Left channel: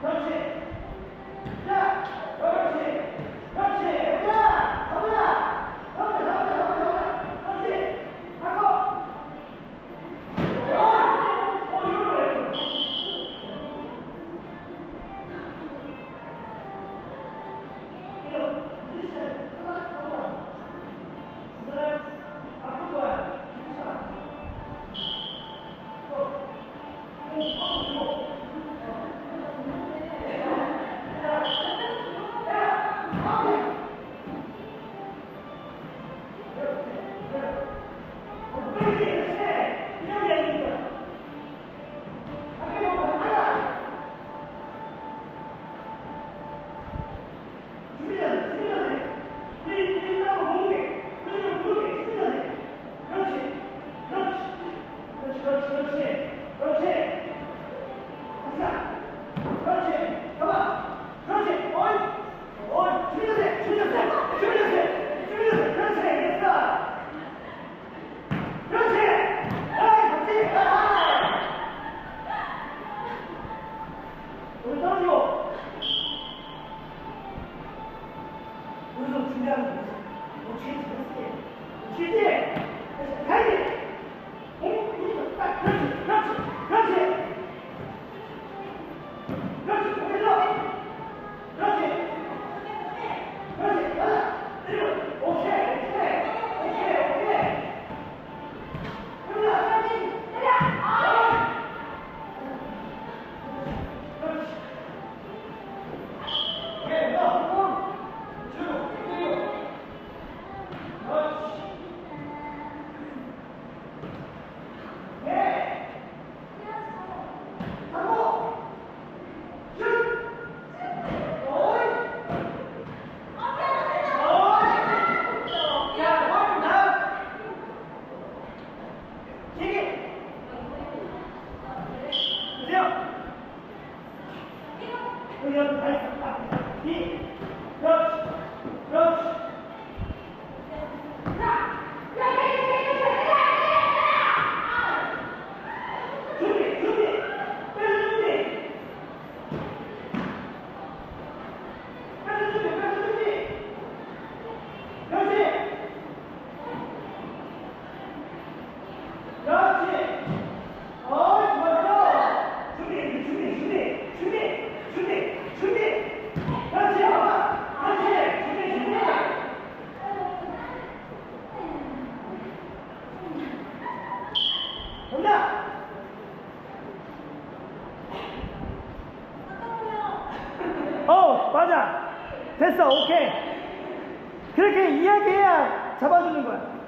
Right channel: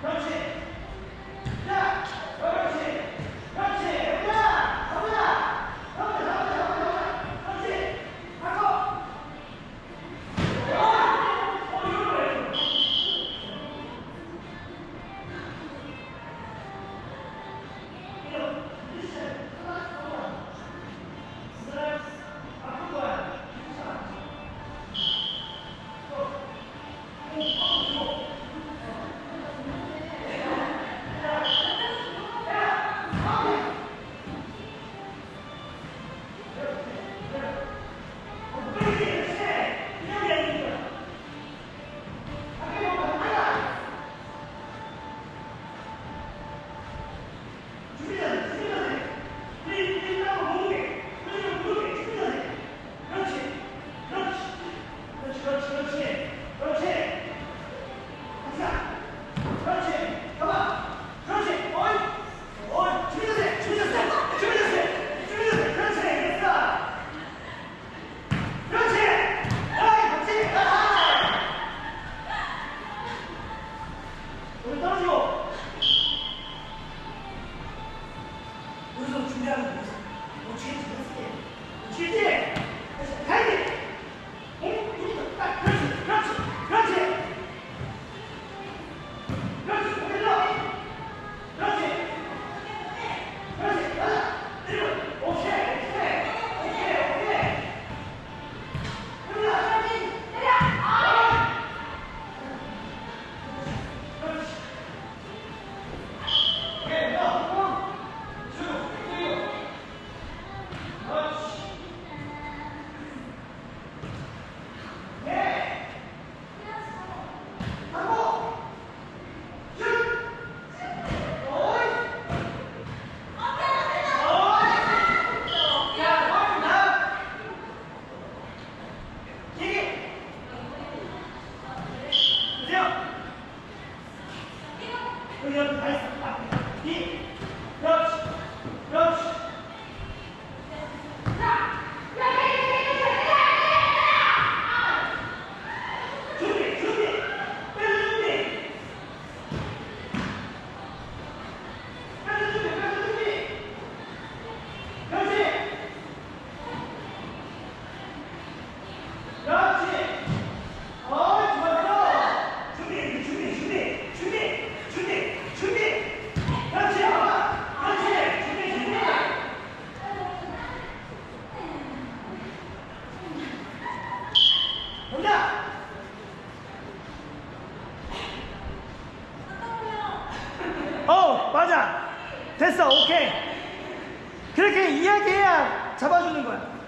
Project 맞아. 됐어. 오케이. 그렇게 이야기해야 잡아주는 거야.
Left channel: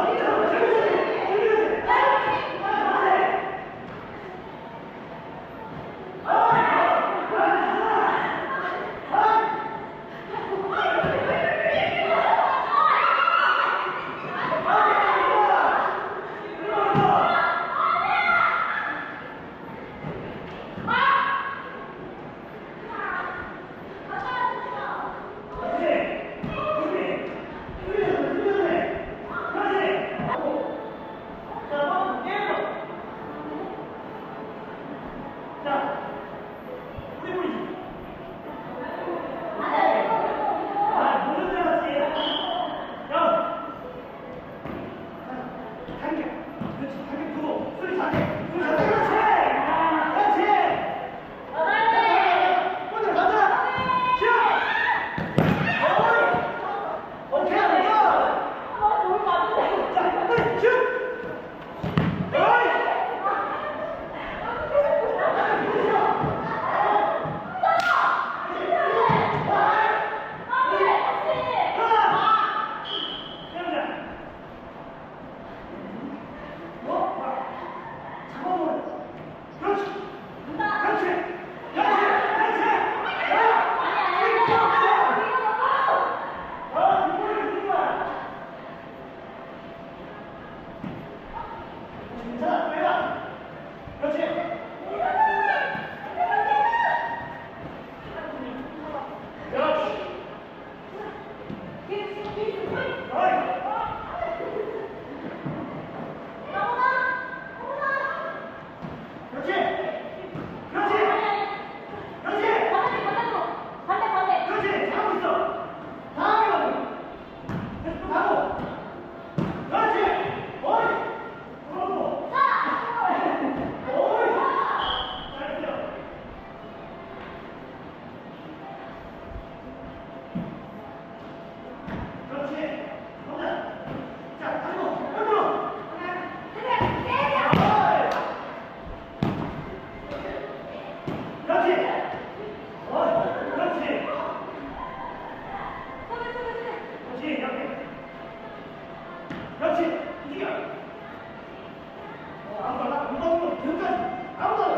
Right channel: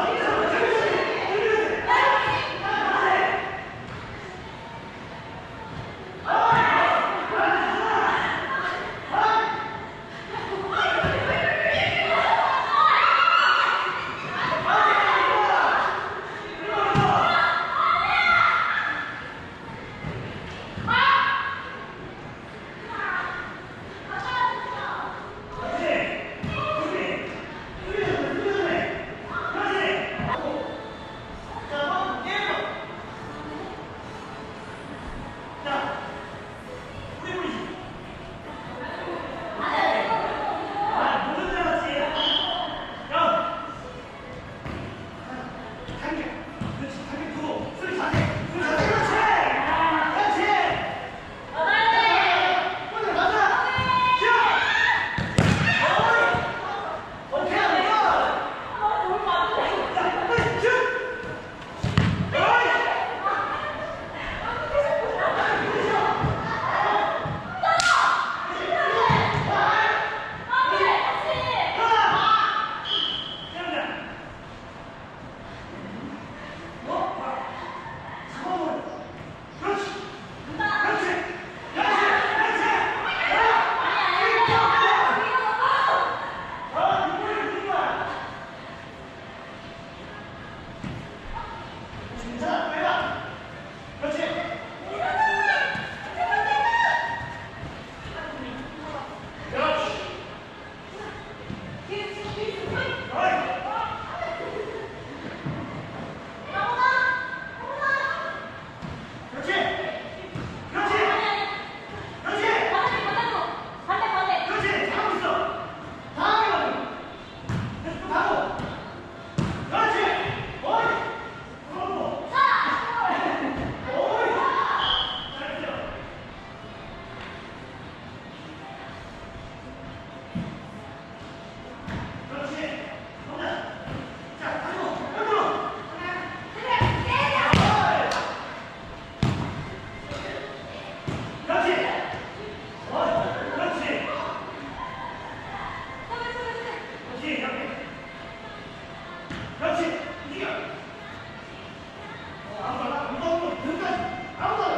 Oh, yeah. đó là đúng một thứ này áo rồi